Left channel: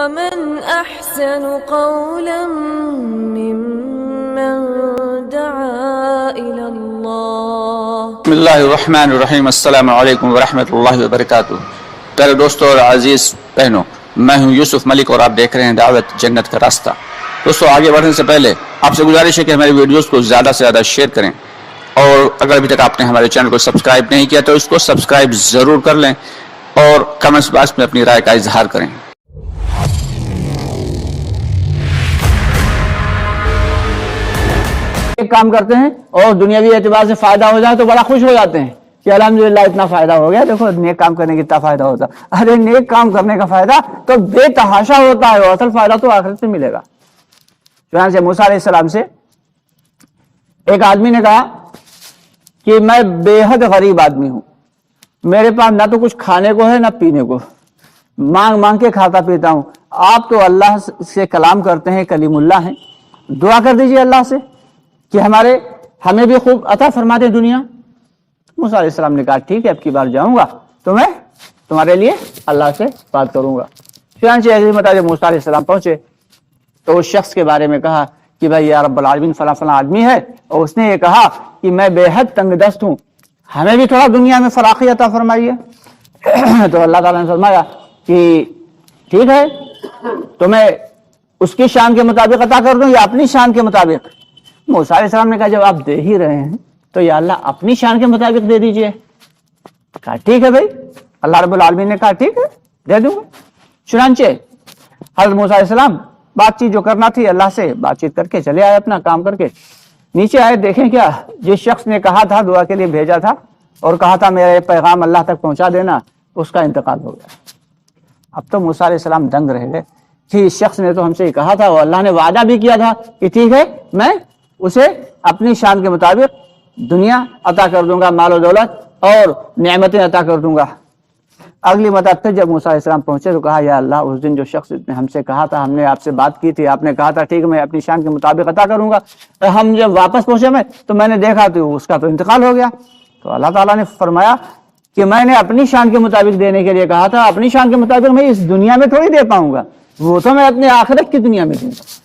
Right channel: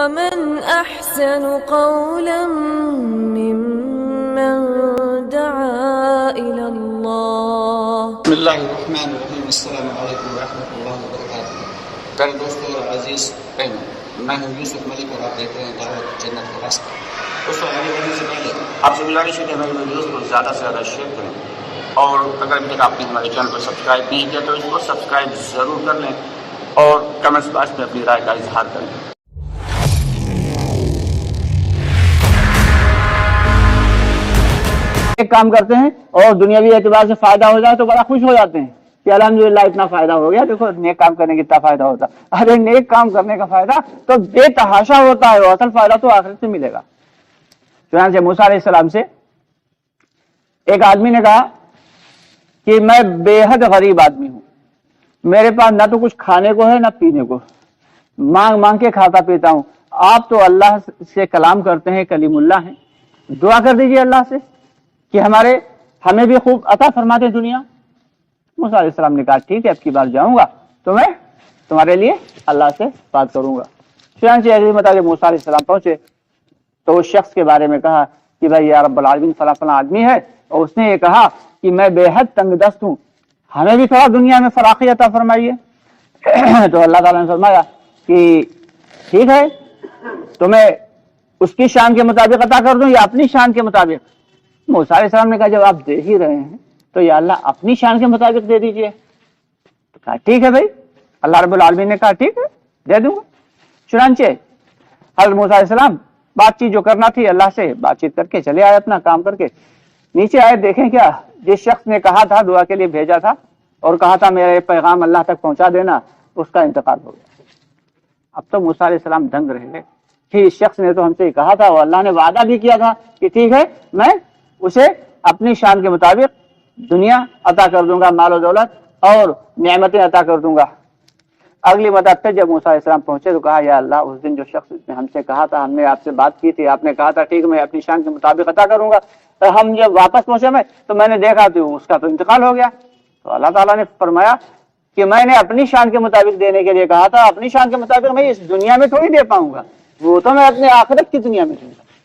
ومن أحسن قولا ممن دعا إلى الله. بسم اللہ الرحمن الرحیم. السلام علیکم ورحمۃ اللہ وبرکاتہ. پیارے دوستوں اور عزیز بہنوں، میں ہوں یوسف ملک اور آپ دیکھ رہے ہیں دعوت جنت کا راستہ. دوستوں، آگے بڑھنے سے پہلے آپ سے گزارش ہے کہ ہماری ویڈیوز کو زیادہ سے زیادہ شیئر کریں، اور اگر ابھی تک آپ نے ہمارے چینل کو سبسکرائب نہیں کیا تو اس کو سبسکرائب ضرور کر لیں اور کمنٹس باکس میں اپنی رائے کا اظہار کریں. ایک کام کرتے ہیں اور دنیاوی اعتبار سے فائدہ ہو جائے تو بڑا خوش ہو جاتے ہیں کہ الحمدللہ اتنا فائدہ ہو گیا. دیکھو نیک کام کرنے کی اتنا فائدہ ہوتا. ارے نیک کام کرنے کا فائدہ تو بے تحاشا ہوتا ہے، اصل فائدہ تو آخرت میں ملے گا. چنانچہ موسیٰ علیہ السلام سے ایک آدمی نے کہا کہ میں بے حد غریب آدمی ہوں، میرے پاس نہ تو کچھ کھانے کو ہے نہ پینے کو، مانگ مانگ کے کھاتا پیتا ہوں. آپ تو اللہ سے کلام کرتے ہیں، کلیم اللہ ہیں، دعا کر دیجئے اللہ سے کہ ہمیں بھی خوب عطا فرما دے دنیا. موسیٰ علیہ السلام نے کہا ٹھیک ہے، اب کی بار جاؤں گا تو میں تمہارے لیے اللہ سے بات کروں گا. چنانچہ اگلی مرتبہ جب موسیٰ علیہ السلام پہنچے تو اس شخص کے بارے میں کہا کہ بھائی یا رب العالمین فلاں فلاں آدمی ہے، اور اس نے یہ کہا کہ میں بے حد تنگ دست ہوں، ہمیں بھی تھوڑا دنیا میں فراخی عطا فرمائیے. تو اللہ تعالیٰ نے فرمایا کہ ٹھیک ہے، تو میں اس کی شان کے مطابق عطا کر دوں یا اپنی شان کے مطابق. موسیٰ علیہ السلام نے کہا جب آپ دے ہی رہے ہیں تو یا اللہ اپنی شان کے مطابق دے دیجئے. کہا ٹھیک ہے بھائی. اللہ رب العالمین نے کہا ٹھیک ہے دے دوں. چنانچہ حضرت موسیٰ علیہ السلام بات چیت جو کرنا تھی اللہ سے بات چیت کر کے چلے آئے، اپنا کام کر کے نیچے آئے. دیکھیں کیا جس شخص نے کہا تھا، دعا کے لیے بھیجا تھا اور کہا تھا میرا پیغام اللہ تک پہنچا دینا، اس کا انتقال ہو گیا. اب تو موسیٰ علیہ السلام دنگ رہ گئے کہ اس شخص نے تو ہم سے ہی کہا تھا اور اللہ نے وعدہ بھی کیا تھا کہ ٹھیک ہے میں اسے اپنی شان کے مطابق دنیا عطا کر دوں گا، مال و دولت اور نعمتیں عطا کر دوں گا. اگلی مرتبہ پھر جب موسیٰ علیہ السلام پہنچے تو کہا یا اللہ اس دن جو شخص نے ہم سے کہا تھا، ہم نے آپ سے بات کی تھی، آپ نے کہا تھا ٹھیک میں اپنی شان کے مطابق عطا کروں گا، ہم جب واپس پہنچے تو میں نے دیکھا تو اس کا تو انتقال ہو گیا. تو اللہ تعالیٰ نے فرمایا کہ میں نے اپنی شان کے مطابق دینے کے لیے کہا تھا، اپنی شان کے مطابق میں اس دنیا میں تھوڑی دے پاؤں گا، وہ تو میں اپنے آخرت کی دنیا میں دوں گا.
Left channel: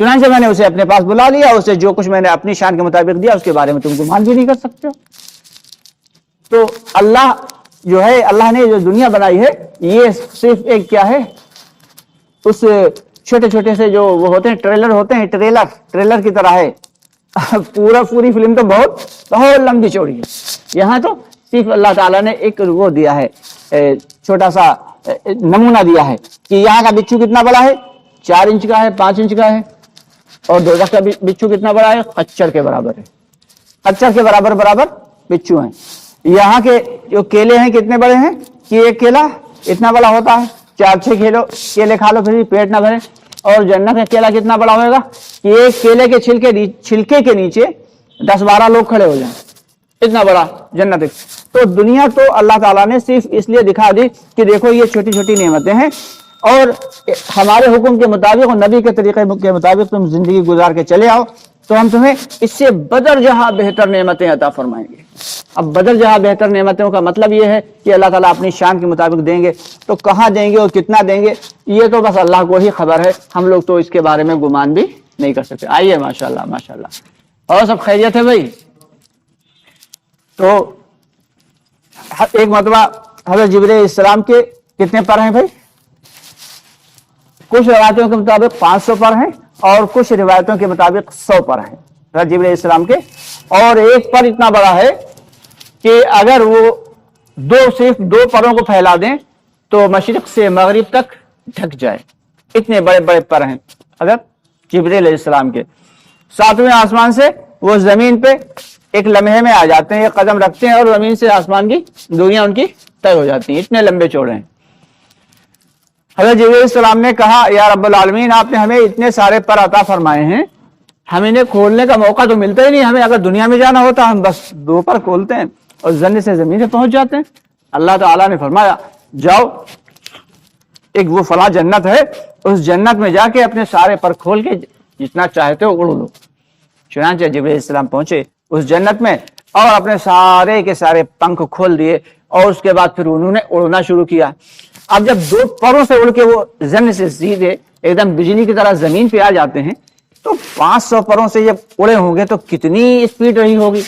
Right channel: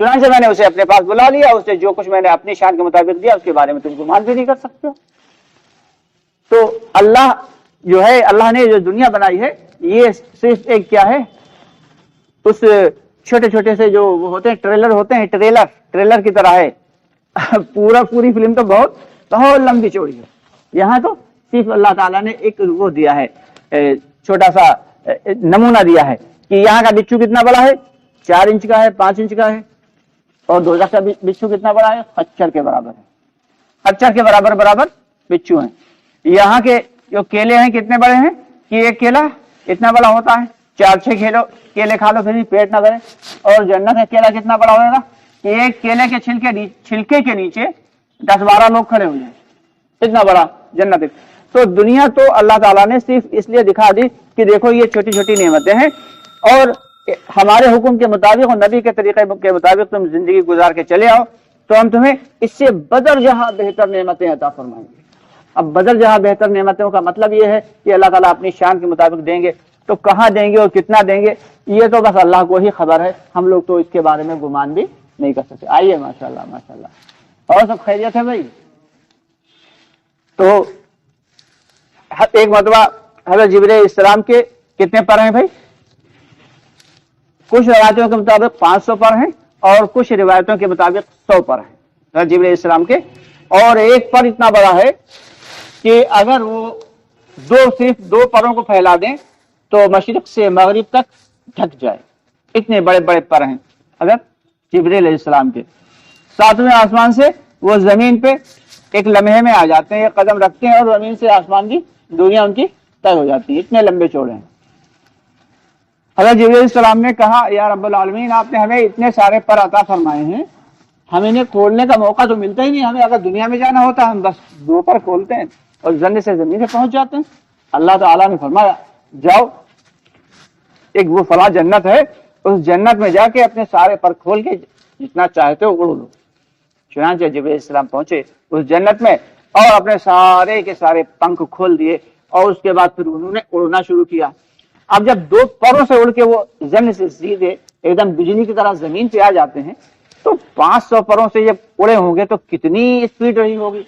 چنانچہ میں نے اسے اپنے پاس بلا لیا، اسے جو کچھ میں نے اپنی شان کے مطابق دیا اس کے بارے میں تم گمان بھی نہیں کر سکتے ہو. تو اللہ جو ہے، اللہ نے جو دنیا بنائی ہے یہ صرف ایک کیا ہے، اس چھوٹے چھوٹے سے جو وہ ہوتے ہیں ٹریلر ہوتے ہیں، ٹریلر کی طرح ہے. پوری فلم تو بہت لمبی چوڑی ہے. یہاں تو صرف اللہ تعالیٰ نے ایک وہ دیا ہے، چھوٹا سا نمونہ دیا ہے کہ یہاں کا بچھو کتنا بڑا ہے، 4 انچ کا ہے، 5 انچ کا ہے، اور دوزخ کا بچھو کتنا بڑا ہے، خچر کے برابر ہے. خچر کے برابر بچھو ہیں. یہاں کے جو کیلے ہیں کتنے بڑے ہیں کہ ایک کیلا اتنا بڑا ہوتا ہے، 4-6 کیلے کھا لو پھر بھی پیٹ نہ بھرے. اور جنت کا کیلا کتنا بڑا ہوگا کہ ایک کیلے کے چھلکے کے نیچے 10-12 لوگ کھڑے ہو جائیں، اتنا بڑا جنت ہے. تو دنیا تو اللہ تعالیٰ نے صرف اس لیے دکھا دی کہ دیکھو یہ چھوٹی چھوٹی نعمتیں ہیں، اور ہمارے حکم کے مطابق اور نبی کے طریقے کے مطابق تم زندگی گزار کے چلے آؤ تو ہم تمہیں اس سے بدر جہاں بہتر نعمتیں عطا فرمائیں گے. اب بدر جہاں بہتر نعمتوں کا مطلب یہ ہے کہ اللہ تعالیٰ اپنی شان کے مطابق دیں گے. تو کہاں دیں گے اور کتنا دیں گے یہ تو بس اللہ کو ہی خبر ہے، ہم لوگ تو اس کے بارے میں گمان بھی نہیں کر سکتے. آئیے ماشاءاللہ ماشاءاللہ. اور سب خیریت ہے بھائی؟ تو ایک مرتبہ حضرت جبرائیل علیہ السلام کے کتنے پر ہیں بھائی؟ کچھ روایتوں کے مطابق 500 پر ہیں اور کچھ روایتوں کے مطابق 100 پر ہیں حضرت جبرائیل علیہ السلام کے. اور ایک پر اتنا بڑا ہے کہ اگر وہ صرف 2 پروں کو پھیلا دیں تو مشرق سے مغرب تک ڈھک جائے، اتنے بڑے بڑے پر ہیں حضرت جبرائیل علیہ السلام کے. 7ویں آسمان سے وہ زمین پہ ایک لمحے میں آ جاتے ہیں، قدم رکھتے ہیں اور زمین سے آسمان کی دوریاں ان کی طے ہو جاتی ہیں، اتنے لمبے چوڑے ہیں. حضرت جبرائیل علیہ السلام نے کہا یا رب العالمین آپ نے ہمیں اتنے سارے پر عطا فرمائے ہیں، ہمیں انہیں کھولنے کا موقع تو ملتا ہی نہیں. ہمیں اگر دنیا میں جانا ہوتا ہم بس 2 پر کھولتے ہیں اور جنت سے زمین سے پہنچ جاتے ہیں. اللہ تعالیٰ نے فرمایا جاؤ ایک وہ فلاں جنت ہے، اس جنت میں جا کے اپنے سارے پر کھول کے جتنا چاہتے ہو اڑ لو. چنانچہ جبرائیل علیہ السلام پہنچے اس جنت میں اور اپنے سارے کے سارے پنکھ کھول دیے اور اس کے بعد پھر انہوں نے اڑنا شروع کیا. اب جب دو پروں سے اڑ کے وہ زمین سے سیدھے ایک دم بجلی کی طرح زمین پہ آ جاتے ہیں تو 500 پروں سے جب اڑے ہوں گے تو کتنی اسپیڈ رہی ہوگی.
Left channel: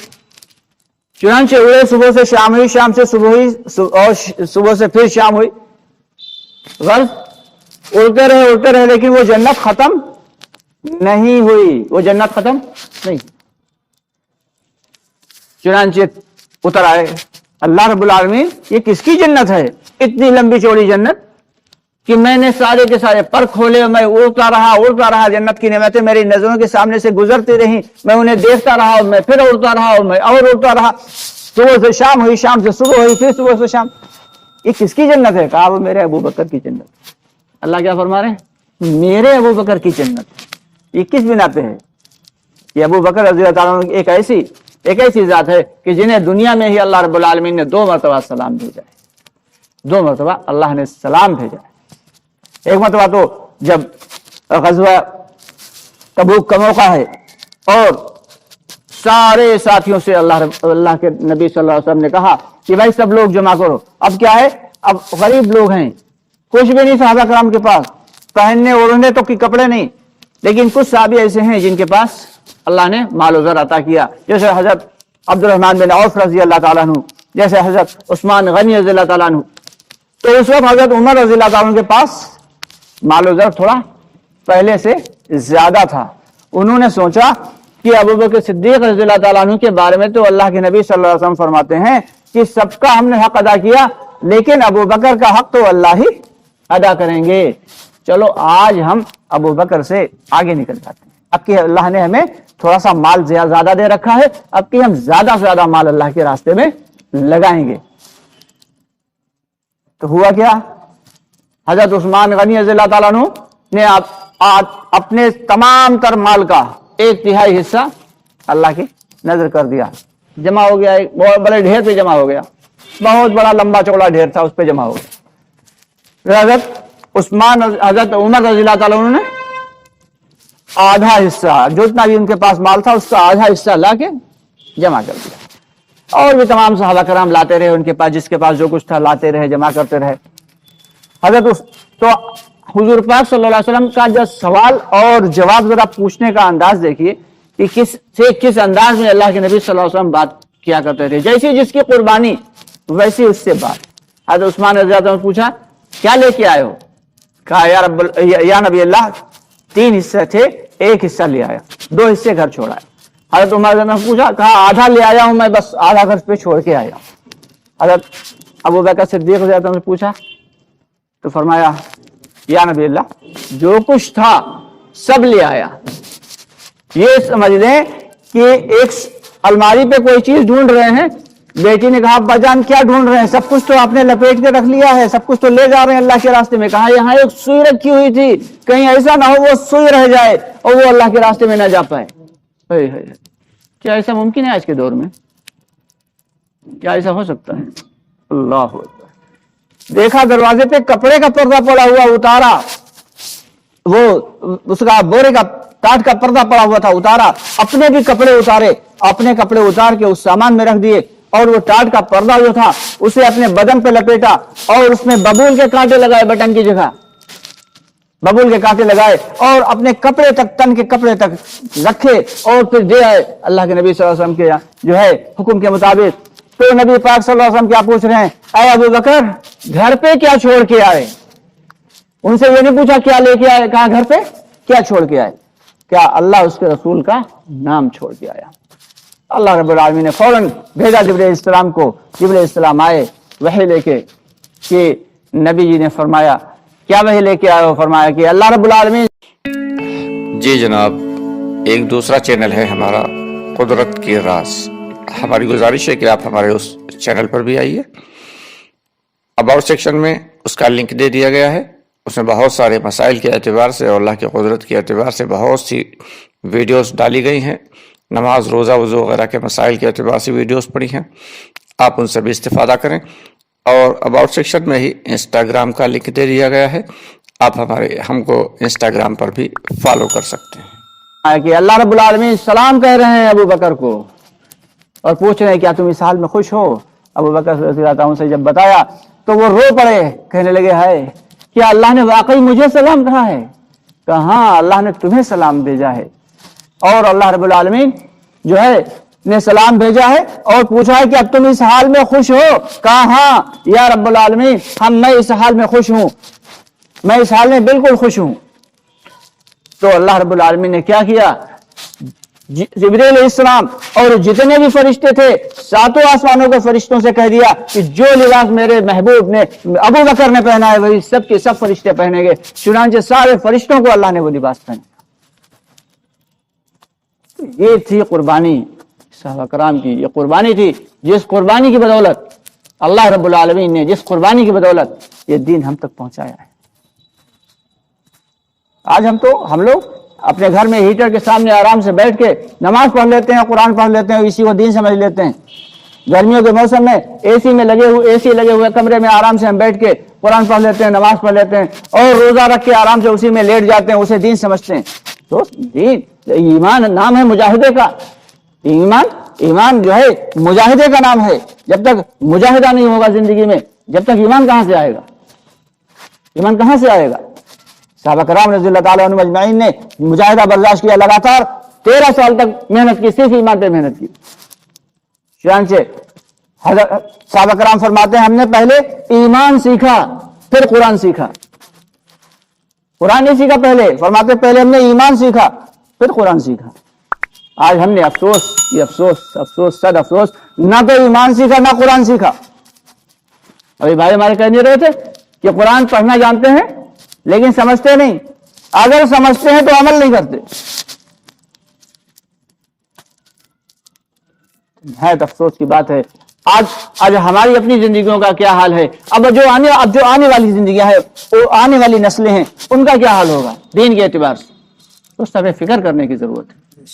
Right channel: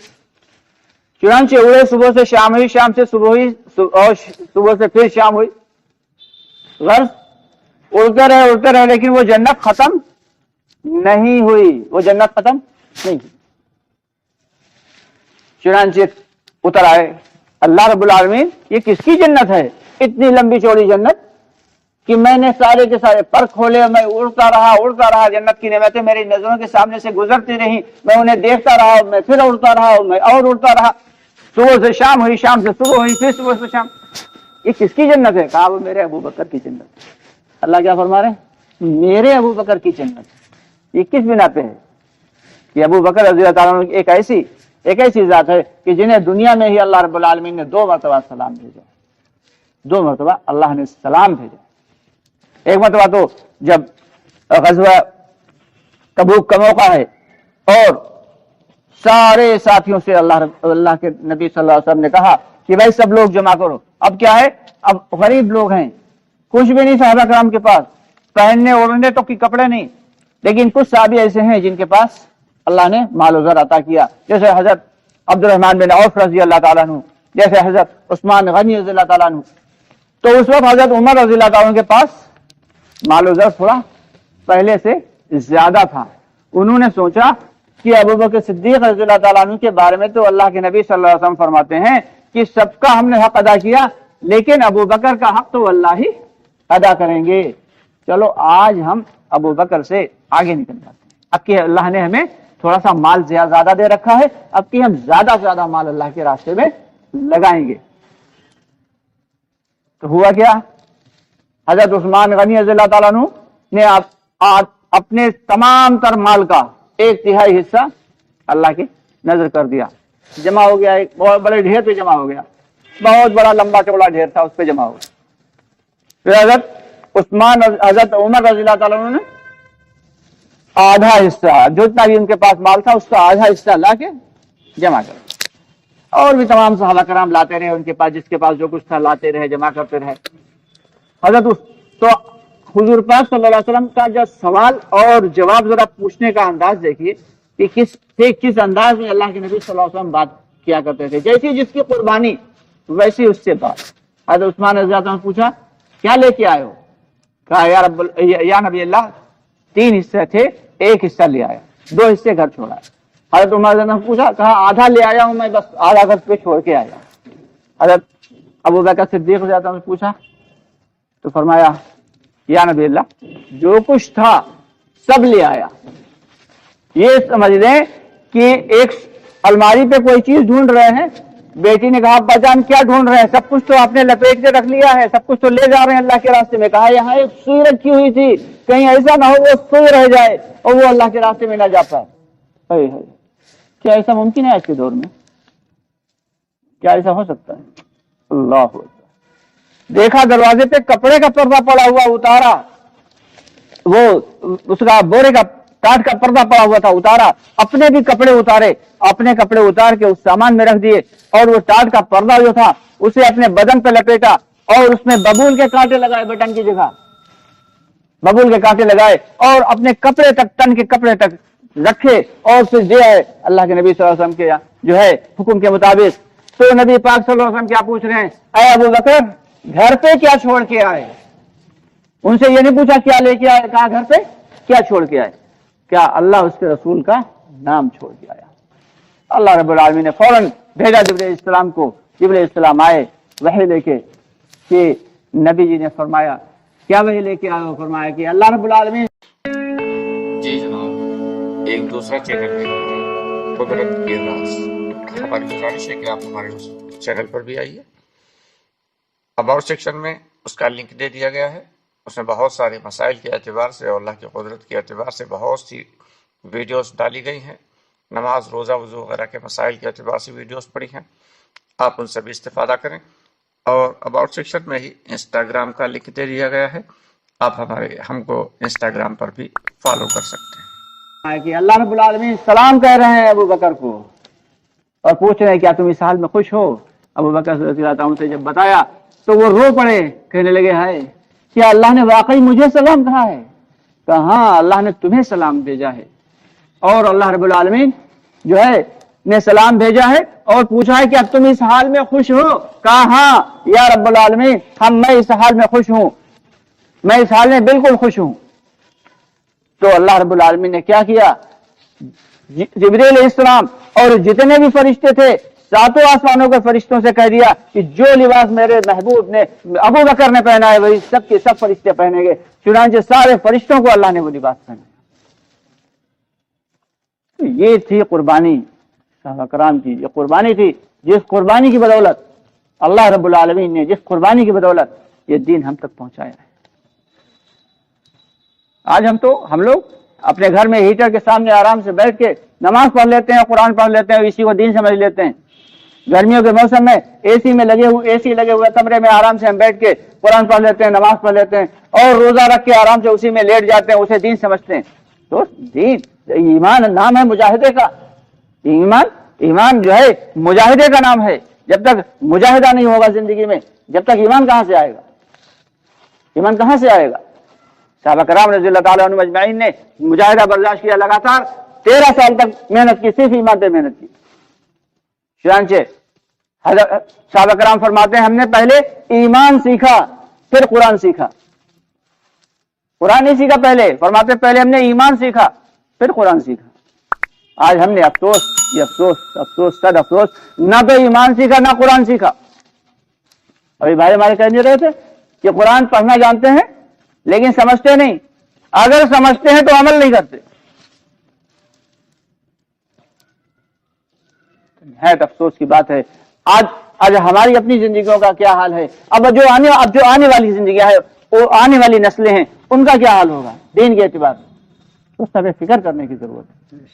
چنانچہ اڑے صبح سے شام ہوئی, شام سے صبح ہوئی, اور صبح سے پھر شام ہوئی. غرض اڑتے رہے لیکن وہ جنت ختم نہیں ہوئی, وہ جنت ختم نہیں. چنانچہ اتر آئے اللہ رب العالمین, یہ کس کی جنت ہے؟ اتنی لمبی چوڑی جنت کہ میں نے سارے کے سارے پر کھولے, میں اڑتا رہا, جنت کی نعمتیں میری نظروں کے سامنے سے گزرتی رہی, میں انہیں دیکھتا رہا, میں پھر اڑتا رہا, میں اور اڑتا رہا. صبح سے شام ہوئی, شام سے صبح ہوئی, پھر صبح سے شام. یہ کس کی جنت ہے؟ کہا وہ میرے ابو بکر کی جنت. اللہ کیا فرما رہے ہیں؟ میرے ابو بکر کی جنت. یہ کس بنا پہ ہے؟ یہ ابو بکر رضی اللہ تعالیٰ عنہ ایک ایسی ذات ہے کہ جنہیں دنیا میں ہی اللہ رب العالمین نے 2 مرتبہ سلام بھیجا ہے. 2 مرتبہ اللہ نے سلام بھیجا ہے. ایک مرتبہ تو جب غزوہ تبوک کا موقع ہے اور سارے ساتھیوں سے اللہ کے نبی صلی اللہ علیہ وسلم نے کہا کہ بھائی سب لوگ جمع کرو. اب کیا ہے؟ اب غریب لوگ ہیں, کچھ بھی نہیں صحابہ کرام کے پاس, پہننے اوڑھنے تو کی کپڑے نہیں, لیکن کچھ صحابی ایسے ہیں جن کے پاس اللہ نے مال و زر عطا کیا, جیسے حضرت عبد الرحمن بن عوف رضی اللہ تعالیٰ عنہ, جیسے حضرت عثمان غنی رضی اللہ تعالیٰ عنہ. تو اس وقت حضرت عمر رضی اللہ تعالیٰ عنہ کے پاس مال و زر تھوڑا پہلے سے زیادہ تھا. انہوں نے سوچا کہ ابو بکر صدیق رضی اللہ تعالیٰ عنہ کے بارے میں تو اللہ کے نبی صلی اللہ علیہ وسلم فرماتے ہیں کہ سب کا ہم نے حق ادا کیا, لیکن ابو بکر کا حق تو اللہ ہی ادا کریں گے. چلو آج ہم ابو بکر سے آگے نکل جاتے ہیں. اب کہ اللہ نے ہمیں تھوڑا سا مال زیادہ دے رکھا ہے, اب کہ ہم زیادہ سے زیادہ مال اللہ کے راستے میں لگائیں گے. تو ہوا کیا؟ حضرت عثمان غنی رضی اللہ تعالیٰ عنہ نے اپنے تمام تر مال کا 1/3 حصہ اللہ کی نظر کر دیا. جمع ہو گیا, ایک بہت بڑے ڈھیر پہ جمع ہو گیا, بہت بڑا لمبا چوڑا ڈھیر تھا, اس پہ جمع ہو گیا. حضرت عمر رضی اللہ تعالیٰ عنہ نے آدھا حصہ, جتنا بھی ان کے پاس مال تھا اس کا آدھا حصہ لا کے جمع کر دیا. اور یہ تمام صحابہ کرام لاتے رہے, ان کے پاس جس کے پاس جو کچھ تھا لاتے رہے, جمع کرتے رہے. تو حضور پاک صلی اللہ علیہ وسلم کا جو سوال اور جواب ذرا پوچھنے کا انداز دیکھیے کہ کس انداز میں اللہ کے نبی صلی اللہ علیہ وسلم بات کیا کرتے تھے. جیسی جس کی قربانی ویسی اس سے بات. حضرت عثمان رضی اللہ عنہ نے پوچھا کیا لے کے آئے ہو؟ کہا یا نبی اللہ 3 حصے تھے, 1 حصہ لے آیا, 2 حصے گھر چھوڑا ہے. حضرت عمر رضی اللہ عنہ نے پوچھا, کہا آدھا لے آیا ہوں میں, بس آدھا گھر پہ چھوڑ کے آیا ہوں. حضرت ابو بکر صدیق رضی اللہ عنہ نے پوچھا تو فرمایا یا نبی اللہ جو کچھ تھا سب لے آیا. یہ سمجھ لیں کہ ایک الماری پہ کوئی چیز ڈھونڈ رہے ہیں. بیٹی نے کہا ابا جان کیا ڈھونڈ رہے ہیں؟ سب کچھ تو آپ نے لپیٹ کے رکھ لیا ہے, سب کچھ تو لے جا رہے ہیں اللہ کے راستے میں. کہا یہاں ایک سوئی رکھی ہوئی تھی, کہیں ایسا نہ ہو وہ سوئی رہ جائے اور وہ اللہ کے راستے میں نہ جا پائے. کیا ایسا ممکن ہے آج کے دور میں؟ کیا ایسا ہو سکتا ہے؟ اللہ اکبر. دیکھا دروازے پہ کپڑے کا پردہ پڑا ہوا, اتارا, وہ اس کا بورے کا ٹاٹ کا پردہ پڑا ہوا تھا, اتارا, اپنے بھی کپڑے اتارے, اپنے کپڑے اتار کے اس سامان میں رکھ دیے, اور وہ ٹاٹ کا پردہ جو تھا اسے اپنے بدن پہ لپیٹا اور اس میں ببول کے کانٹے لگائے, بٹن کی جگہ ببول کے کانٹے لگائے, اور اپنے کپڑے تک, تن کے کپڑے تک رکھے, اور پھر دے آئے اللہ کے نبی صلی اللہ علیہ وسلم کے جو ہے حکم کے مطابق. تو نبی پاک صلی اللہ علیہ وسلم کیا پوچھ رہے ہیں, اے ابو بکر گھر پہ کیا چھوڑ کے آئے؟ ان سے یہ نہیں پوچھا کیا لے کے آئے, کہا گھر پہ کیا چھوڑ کے آئے. کیا اللہ اس کے رسول کا نام چھوڑ کے آیا. اللہ رب العالمین نے فوراً بھیجا جبرائیل السلام کو. جبرائیل السلام آئے وحی لے کے, کہ نبی جی نے فرمایا کیا وحی لے کے آئے ہو؟ فرمایا کہ اللہ رب العالمین. جی جناب, ایک دوسرا چینل ہے ہمارا قدرت کی راز. ہماری گزارش ہے کہ آپ ہمارے اس چینل پر بھی آئیے. اباؤٹ سیکشن میں اس کا لنک دے دیا گیا ہے. اس میں بہت سارے مسائل کے اعتبار سے اور اللہ کی قدرت کے اعتبار سے بہت سی ویڈیوز ڈالی گئی ہیں. نماز, روزہ, وضو وغیرہ کے مسائل کے اعتبار سے ویڈیوز پڑی ہیں, آپ ان سے بھی استفادہ کریں. اور اباؤٹ سیکشن میں ہی انسٹاگرام کا لنک دے دیا گیا ہے, آپ ہم کو انسٹاگرام پر بھی فالو کر سکتے ہیں. کہ اللہ رب العالمین سلام کہہ رہے ہیں ابو بکر کو اور پوچھ رہے ہیں کیا تم اس حال میں خوش ہو؟ ابو بکر رضی اللہ عنہ سے جب بتایا تو وہ رو پڑے, کہنے لگے ہے کیا اللہ نے واقعی مجھے سلام کہا ہے؟ کہا ہاں اللہ نے تمہیں سلام بھیجا ہے. اور اللہ رب العالمین جو ہے نے سلام بھیجا ہے اور پوچھا ہے کہ اب تم اس حال میں خوش ہو؟ کہا ہاں یا رب العالمین میں اس حال میں خوش ہوں, میں اس حال میں بالکل خوش ہوں. تو اللہ رب العالمین نے کیا کیا, جبریل علیہ السلام اور جتنے بھی فرشتے تھے ساتوں آسمانوں کے فرشتوں سے کہہ دیا کہ جو لباس میرے محبوب نے ابو بکر نے پہنا ہے وہی سب کے سب فرشتے پہنیں گے. چنانچہ سارے فرشتوں کو اللہ نے وہ لباس پہنا. یہ تھی قربانی صحابہ کرام کی, یہ قربانی تھی جس قربانی کی بدولت اللہ رب العالمین نے جس قربانی کی بدولت یہ دین ہم تک پہنچایا ہے. آج ہم لوگ اپنے گھر میں ہیٹر کے سامنے آرام سے بیٹھ کے نماز پڑھ لیتے ہیں, قرآن پڑھ لیتے ہیں, اسی کو دین سمجھ لیتے ہیں. گرمیوں کے موسم میں اے سی لگے ہوئے کمرے میں آرام سے ہم بیٹھ کے قرآن پڑھ لیتے ہیں, نماز پڑھ لیتے ہیں اور روزہ رکھ کے آرام سے اسی میں لیٹ جاتے ہیں, اسے دین سمجھتے ہیں. تو دین ایمان نام ہے مجاہدے کا. ایمان جو ہے مجاہدے کا نام ہے. جب تک مجاہدہ نہیں ہوگا زندگی میں, جب تک ایمان کہاں سے آئے گا؟ ایمان کہاں سے آئے گا؟ صحابہ کرام رضی اللہ تعالیٰ عنہ اجمعین نے مجاہدہ برداشت کیا, لگاتار 13 سال تک محنت کی, صرف ایمان پہ محنت کی. چنانچہ صحابہ کرام فرماتے ہیں ہم نے پہلے ایمان سیکھا پھر قرآن سیکھا. قرآن نہیں سیکھا پہلے, فرماتے پہلے ہم نے ایمان سیکھا پھر قرآن سیکھا. آج ہم نے افسوس صد افسوس, نہ تو ایمان سیکھا نہ قرآن سیکھا. ابھی بھائی ہمارے کہہ نہیں رہے تھے کہ قرآن پڑھنا جانتے ہیں لیکن سمجھتے نہیں. اگر سمجھتے ہیں تو عمل نہیں کرتے. بہت افسوس کی بات ہے. آج ہماری اپنی زندگیوں کا کیا حال ہے؟ اب جو آنے والی زندگیاں ہیں, وہ آنے والی نسلیں ہیں, ان کا کیا حال ہوگا دین کے اعتبار سے؟ اس طرح فکر کرنے کی ضرورت ہے.